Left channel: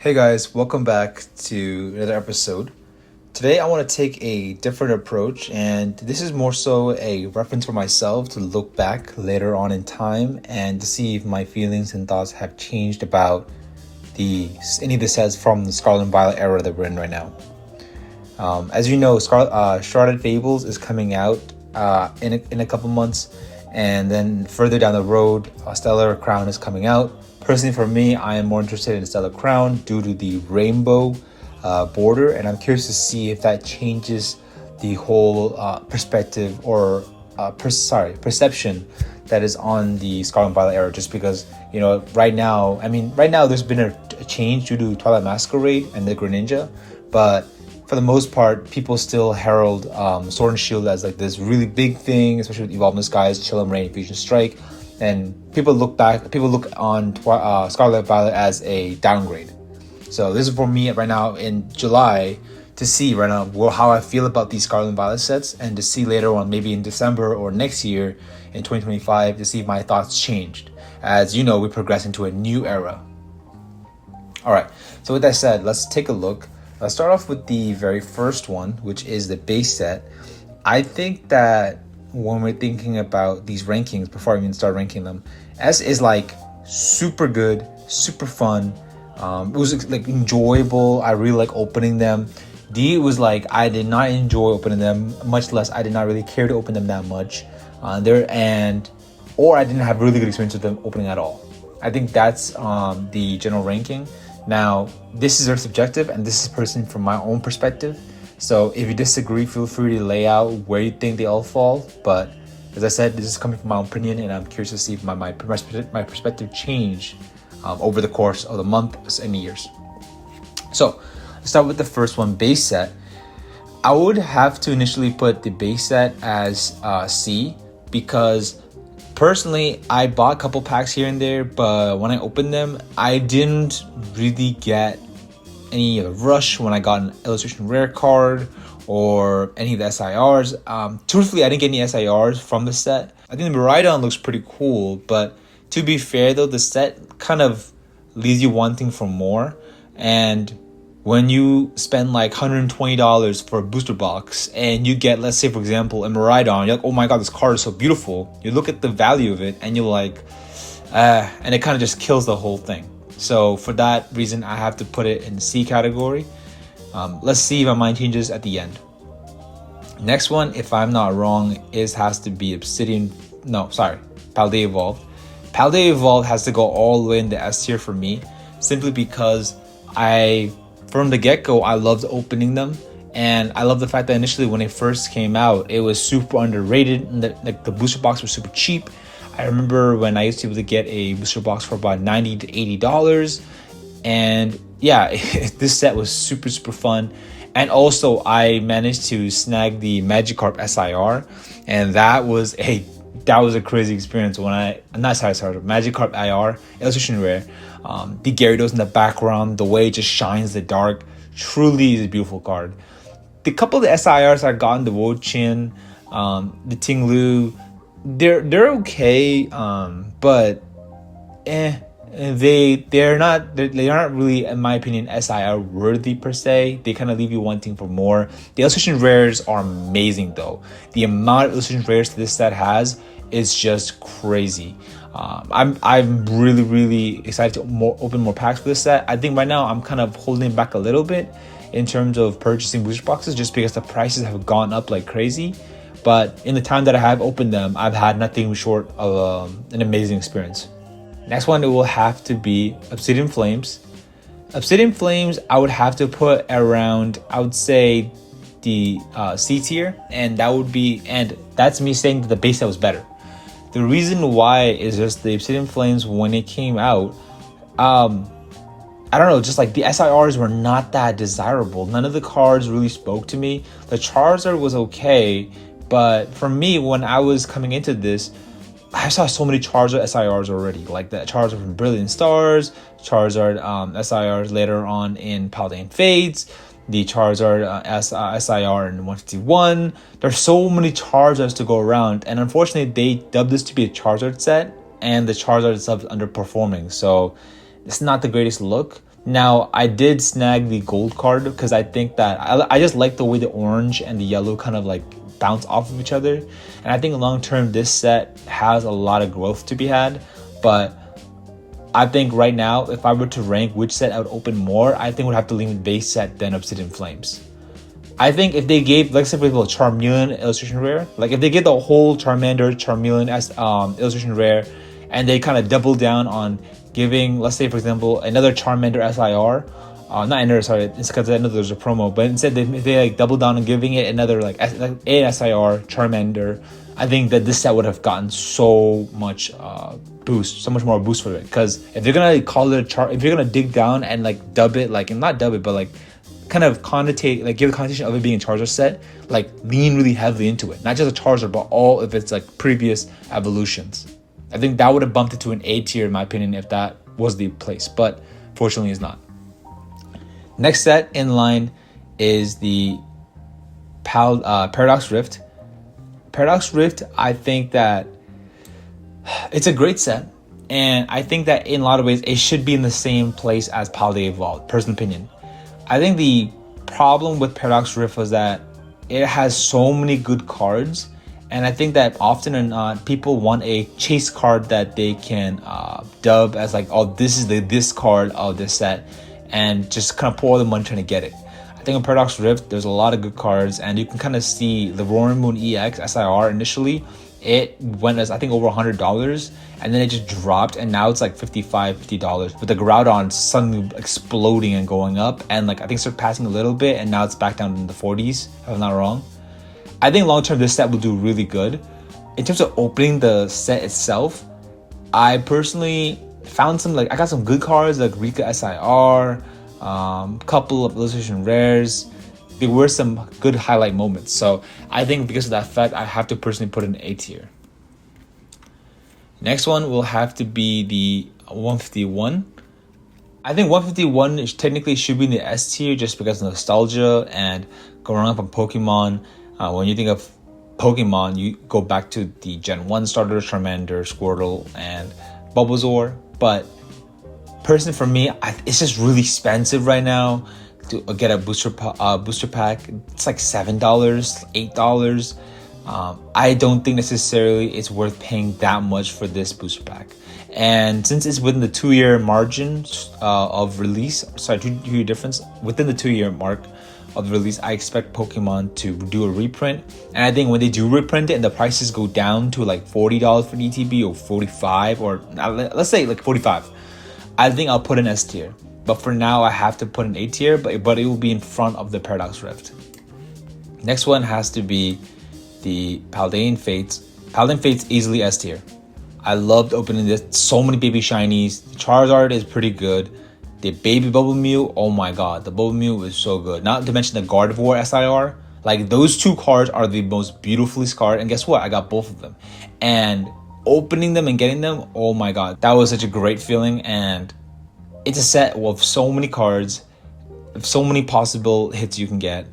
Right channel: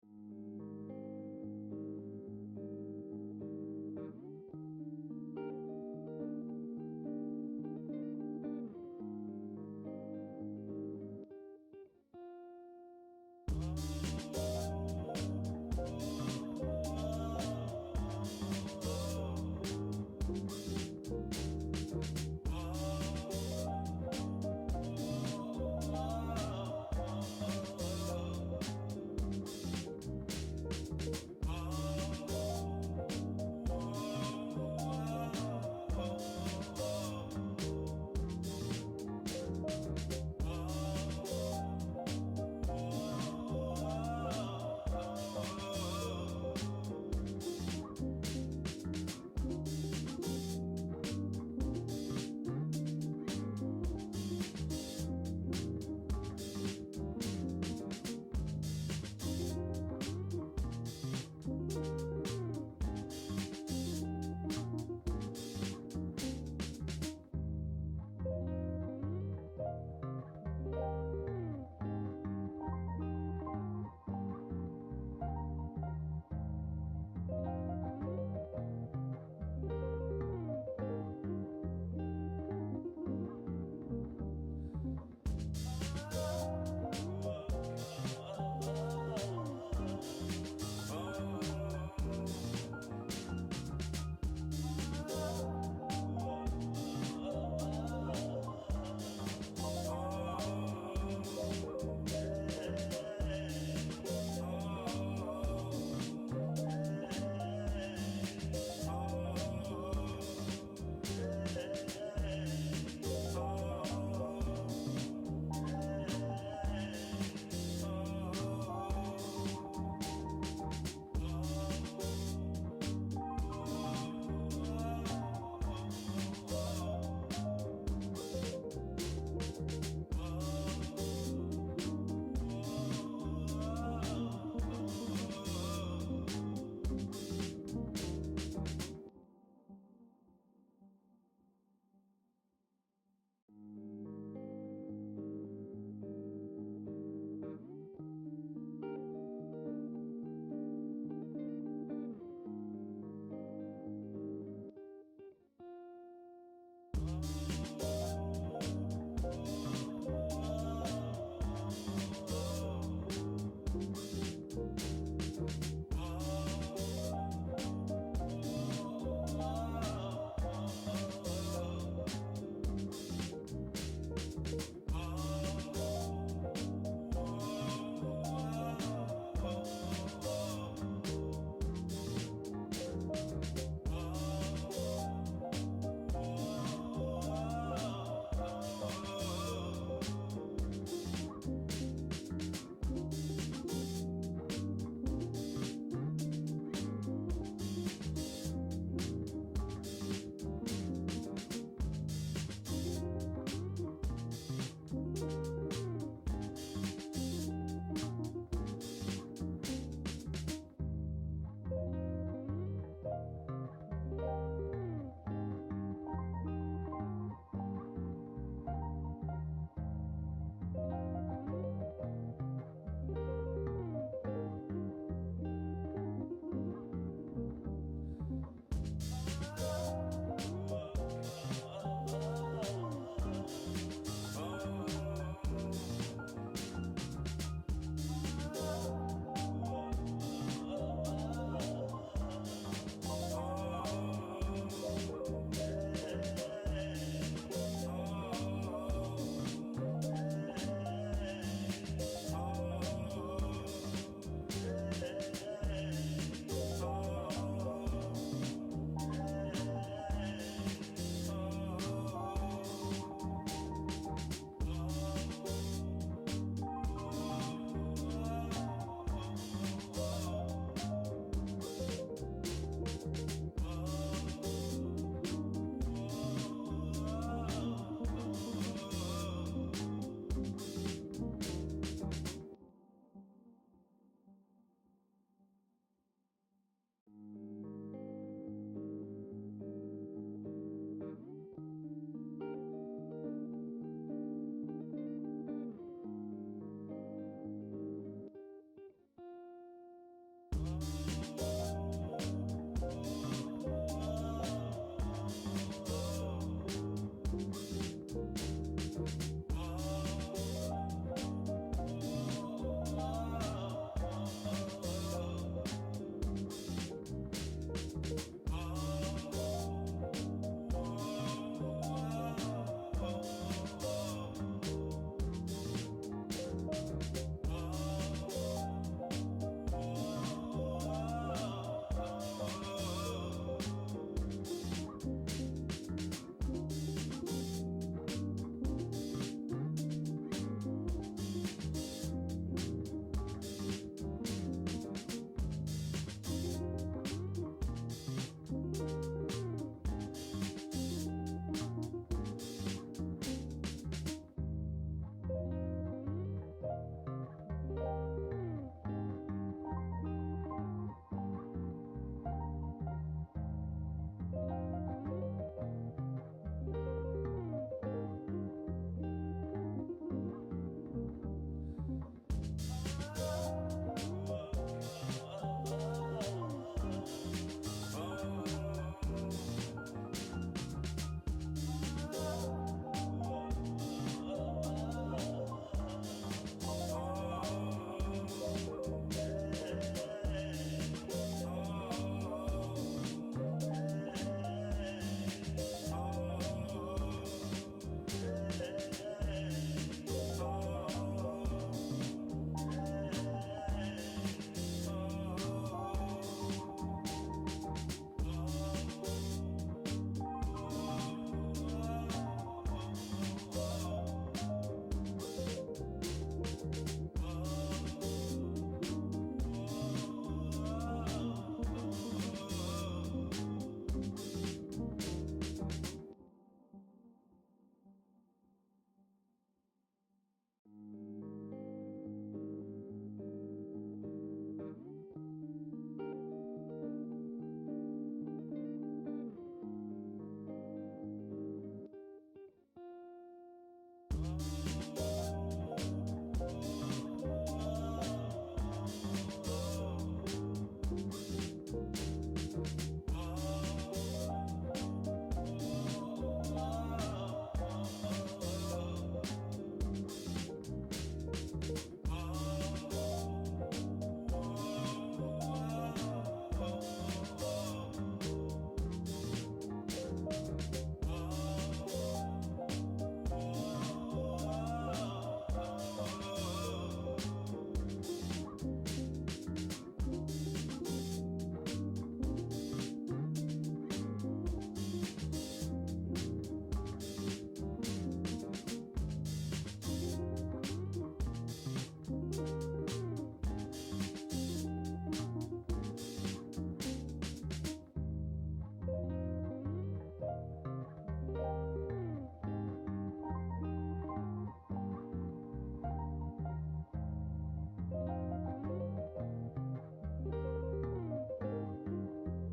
Hey guys, welcome back to another episode. Today I want to take a different approach, and this is more so a reference for myself to look back later on in time and to see if my feelings and thoughts have changed about any of the sets from the Scarlet and Violet era that we're in right now. As you know, Charlotte Fables is coming out in a couple months, and then further down the road, Stellar Crown is coming out. Personally, for me, I am more interested in Stellar Crown due to the rainbow border, and I'm curious to see if that changes the whole perspective or perception that is on the Scarlet and Violet era. Just because right now there's been a change due to Twilight Masquerade and the Greninja, but for the most part, people still herald Sword and Shield as like this really big thing, especially with Evolve in Skies, Chill and Rain, Fusion Strike. And people look on Scarlet and Violet as a downgrade. So this is for me right now in July to see right now how I feel about these Scarlet and Violet sets, and to see later on, maybe in December or next year in 2025, to see if my thoughts changed. As you know, we progress into a new era. All right, so with that said, let's take a look. Let's start off with the very first one, which is the base set. I think that when we're thinking about these rankings, before I even start ranking them, S is like super good, super fun. It was like enjoyable. I really like opening them. D was like I did not enjoy opening them, much less I did not really care to open them that much. Or I didn't have really good experience with them opening at all. I think that's the general ranking. Now, this is very subjective, and this is personally from my own perspective. So if you disagree, feel free to lay out where you think they all fall. But as I said, this is coming from my own opinion, and I'm curious to see if my perspective changed over the course of the months and years. So let's start with the first one, base set. I would have to initially put the base set as C, because personally, I bought a couple packs here and there, but when I opened them, I didn't really get any rush when I got an illustration rare card or any of the SIRs. Truthfully, I didn't get any SIRs from the set. I think the Miraidon looks pretty cool, but to be fair though, the set kind of leaves you wanting for more. And when you spend like $120 for a booster box and you get, let's say for example, a Miraidon, you're like, oh my god, this card is so beautiful. You look at the value of it and you're like, and it kind of just kills the whole thing. So for that reason, I have to put it in the C category. Let's see if my mind changes at the end. Next one, if I'm not wrong, has to be Paldea Evolve. Paldea Evolve has to go all the way in the S tier for me, simply because from the get-go, I loved opening them, and I love the fact that initially when it first came out, it was super underrated, and the booster box was super cheap. I remember when I used to be able to get a booster box for about $90 to $80, and yeah, this set was super fun. And also, I managed to snag the Magikarp SIR, and that was a crazy experience when Magikarp IR, illustration rare. The Gyarados in the background, the way it just shines the dark, truly is a beautiful card. The couple of the SIRs I got in the Wo-Chin, the Ting-Lu, they're okay, but they aren't really, in my opinion, SIR worthy per se. They kind of leave you wanting for more. The illustration rares are amazing though. The amount of illustration rares this set has is just crazy. I'm really excited to open more packs for this set. I think right now I'm kind of holding back a little bit in terms of purchasing booster boxes, just because the prices have gone up like crazy. But in the time that I have opened them, I've had nothing short of an amazing experience. Next one, it will have to be Obsidian Flames. Obsidian Flames, I would have to put around, I would say, the C tier, and that's me saying that the base set was better. The reason why is just the Obsidian Flames, when it came out, I don't know, just like the SIRs were not that desirable. None of the cards really spoke to me. The Charizard was okay, but for me, when I was coming into this, I saw so many Charizard SIRs already, like the Charizard from Brilliant Stars, Charizard SIRs later on in Paladin Fates, the Charizard SIR in 151. There's so many Charizards to go around, and unfortunately they dubbed this to be a Charizard set, and the Charizard itself is underperforming, so it's not the greatest look. Now, I did snag the gold card because I think that I just like the way the orange and the yellow kind of like bounce off of each other. And I think long term, this set has a lot of growth to be had. But I think right now, if I were to rank which set I would open more, I think would have to lean base set then Obsidian Flames. I think if they gave, like, say for example, Charmeleon illustration rare, like if they get the whole Charmander, Charmeleon as illustration rare, and they kind of double down on giving, let's say for example, another Charmander SIR, not another, sorry, it's because I know there's a promo, but instead they like double down on giving it another like a SIR Charmander, I think that this set would have gotten so much boost, so much more boost for it. Because if you're gonna call it if you're gonna dig down and like dub it, like, and not dub it, but like kind of connotate, like give the connotation of it being a Charizard set, like lean really heavily into it, not just a Charizard, but all of its like previous evolutions. I think that would have bumped it to an A tier in my opinion if that was the place, but fortunately it's not. Next set in line is the Paradox Rift. Paradox Rift, I think that it's a great set, and I think that in a lot of ways it should be in the same place as Paldea Evolved, personal opinion. I think the problem with Paradox Rift was that it has so many good cards, and I think that often or not, people want a chase card that they can dub as like, oh, this is this card of this set, and just kind of pour all the money trying to get it. I think in Paradox Rift, there's a lot of good cards, and you can kind of see the Roaring Moon EX SIR initially, it went as I think over $100, and then it just dropped, and now it's like $50 with the Groudon suddenly exploding and going up, and like I think surpassing a little bit, and now it's back down in the 40s if I'm not wrong. I think long term this set will do really good. In terms of opening the set itself, I personally found some, like, I got some good cards like Rika SIR, couple of illustration rares. There were some good highlight moments, so I think because of that fact, I have to personally put it in A tier. Next one will have to be the 151. I think 151 technically should be in the S tier just because of nostalgia and growing up on Pokemon. When you think of Pokemon, you go back to the Gen 1 starters, Charmander, Squirtle, and Bulbasaur. But personally for me, it's just really expensive right now to get a booster pack. It's like $7, $8. I don't think necessarily it's worth paying that much for this booster pack. And since it's within the 2-year margin of release, sorry, 2-year difference, within the 2-year mark of release, I expect Pokemon to do a reprint. And I think when they do reprint it and the prices go down to like $40 for ETB or $45, or let's say like $45, I think I'll put an S tier. But for now, I have to put an A tier, but it will be in front of the Paradox Rift. Next one has to be the Paldean Fates. Paldean Fates easily S tier. I loved opening this. So many baby shinies. Charizard is pretty good. The baby Bubble Mew, oh my god, the Bubble Mew is so good. Not to mention the Gardevoir SIR. Like, those two cards are the most beautifully scarred. And guess what? I got both of them. And opening them and getting them, oh my god, that was such a great feeling. And it's a set with so many cards, so many possible hits you can get,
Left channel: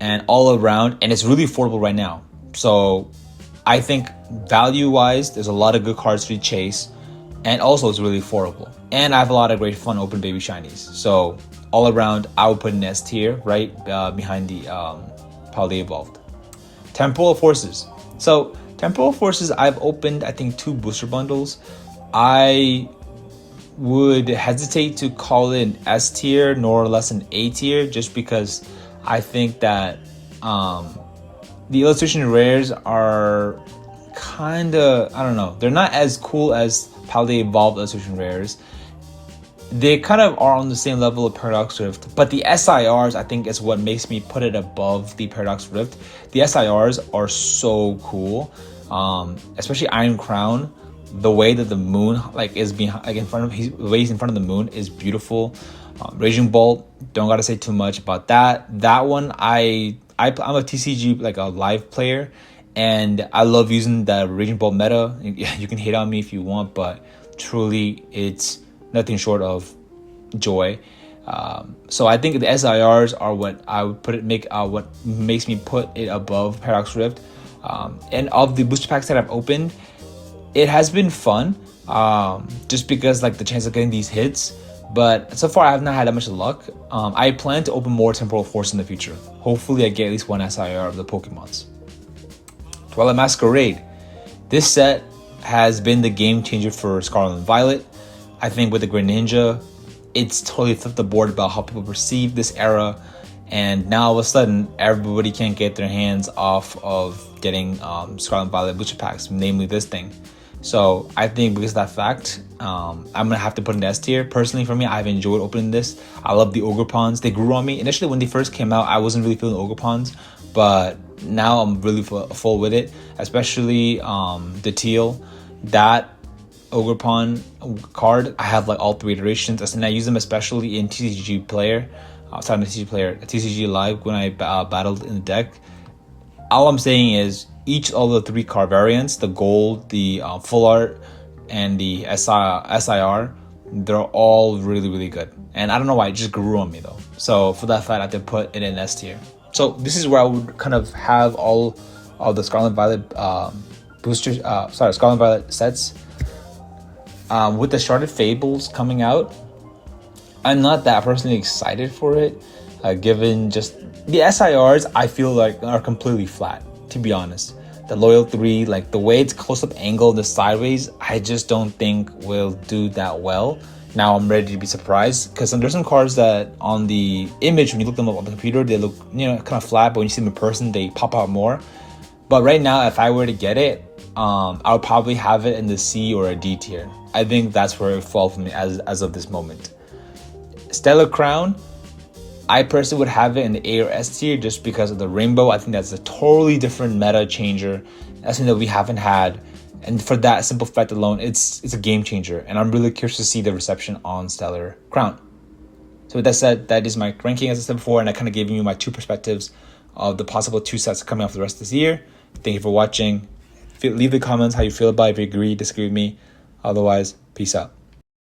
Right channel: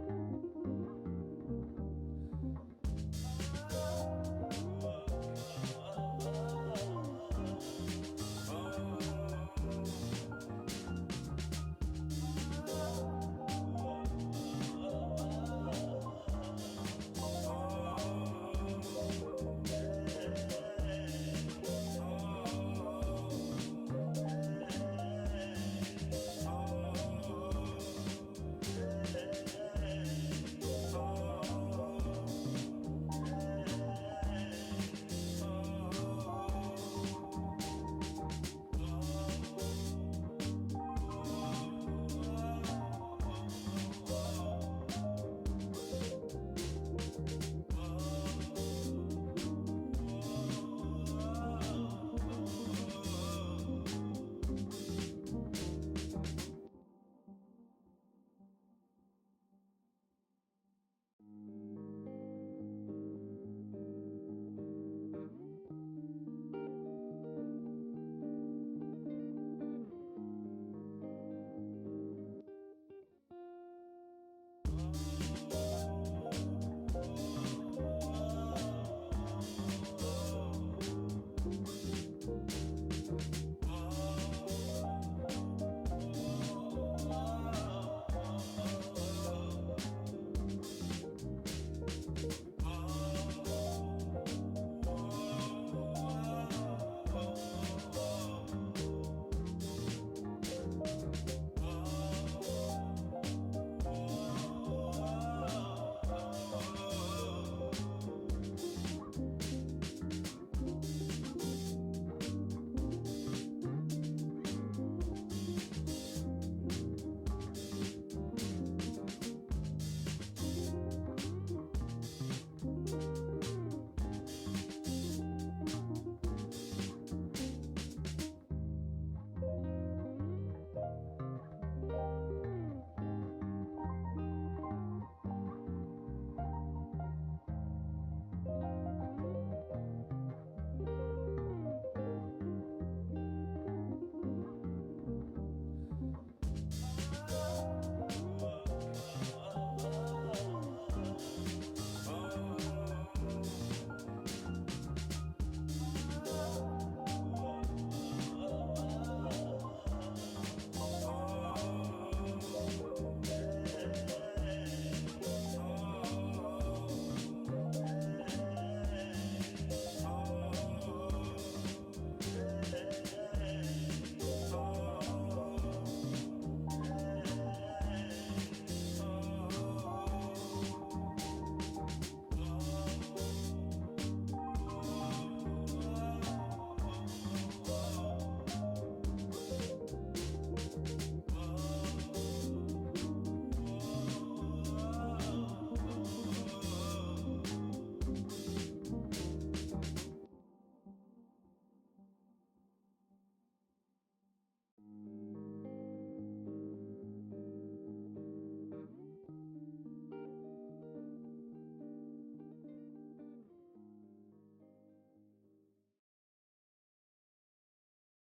and all around, and it's really affordable right now. So I think value-wise, there's a lot of good cards to chase, and also it's really affordable. And I have a lot of great fun open baby shinies. So all around, I would put an S tier right behind the Paldea Evolved. Temporal Forces. So Temporal Forces, I've opened I think 2 booster bundles. I would hesitate to call it an S tier nor less an A tier, just because I think that the illustration rares are kind of, I don't know, they're not as cool as Paldea Evolved illustration rares. They kind of are on the same level of Paradox Rift, but the SIRs I think is what makes me put it above the Paradox Rift. The SIRs are so cool, especially Iron Crown. The way that the moon like is behind, like in front of, the way he's in front of the moon is beautiful. Raging Bolt, don't gotta say too much about that. That one, I'm a TCG like a live player, and I love using the Raging Bolt meta. You can hate on me if you want, but truly, it's nothing short of joy. So I think the SIRs are what I would what makes me put it above Paradox Rift. And of the booster packs that I've opened, it has been fun, just because like the chance of getting these hits. But so far, I have not had that much luck. I plan to open more Temporal Force in the future. Hopefully, I get at least one SIR of the Pokemons. Twilight Masquerade. This set has been the game changer for Scarlet and Violet. I think with the Greninja, it's totally flipped the board about how people perceive this era. And now all of a sudden, everybody can't get their hands off of getting Scarlet and Violet Booster Packs, namely this thing. So I think because of that fact, I'm gonna have to put in the S tier. Personally, for me, I've enjoyed opening this. I love the Ogerpons. They grew on me. Initially, when they first came out, I wasn't really feeling Ogerpons, but now I'm really full with it. Especially the teal, that Ogerpon card. I have like all 3 iterations, and I use them especially in TCG Player. TCG Live when I battled in the deck. All I'm saying is each of the 3 card variants, the gold, the full art, and the SIR, they're all really, really good. And I don't know why, it just grew on me though. So for that fact, I have to put it in S tier. So this is where I would kind of have all of the Scarlet and Violet Scarlet and Violet sets. With the Sharded Fables coming out, I'm not that personally excited for it, given just the SIRs I feel like are completely flat, to be honest. The Loyal 3, like the way it's close-up angle, the sideways, I just don't think will do that well. Now I'm ready to be surprised, because there's some cards that on the image, when you look them up on the computer, they look, kind of flat, but when you see them in person, they pop out more. But right now, if I were to get it, I'll probably have it in the C or a D tier. I think that's where it falls for me as of this moment. Stellar Crown, I personally would have it in the A or S tier just because of the rainbow. I think that's a totally different meta changer. That's something that we haven't had. And for that simple fact alone, it's a game changer. And I'm really curious to see the reception on Stellar Crown. So with that said, that is my ranking as I said before, and I kind of gave you my 2 perspectives of the possible 2 sets coming out for the rest of this year. Thank you for watching. Leave the comments how you feel about it, if you agree, disagree with me. Otherwise, peace out.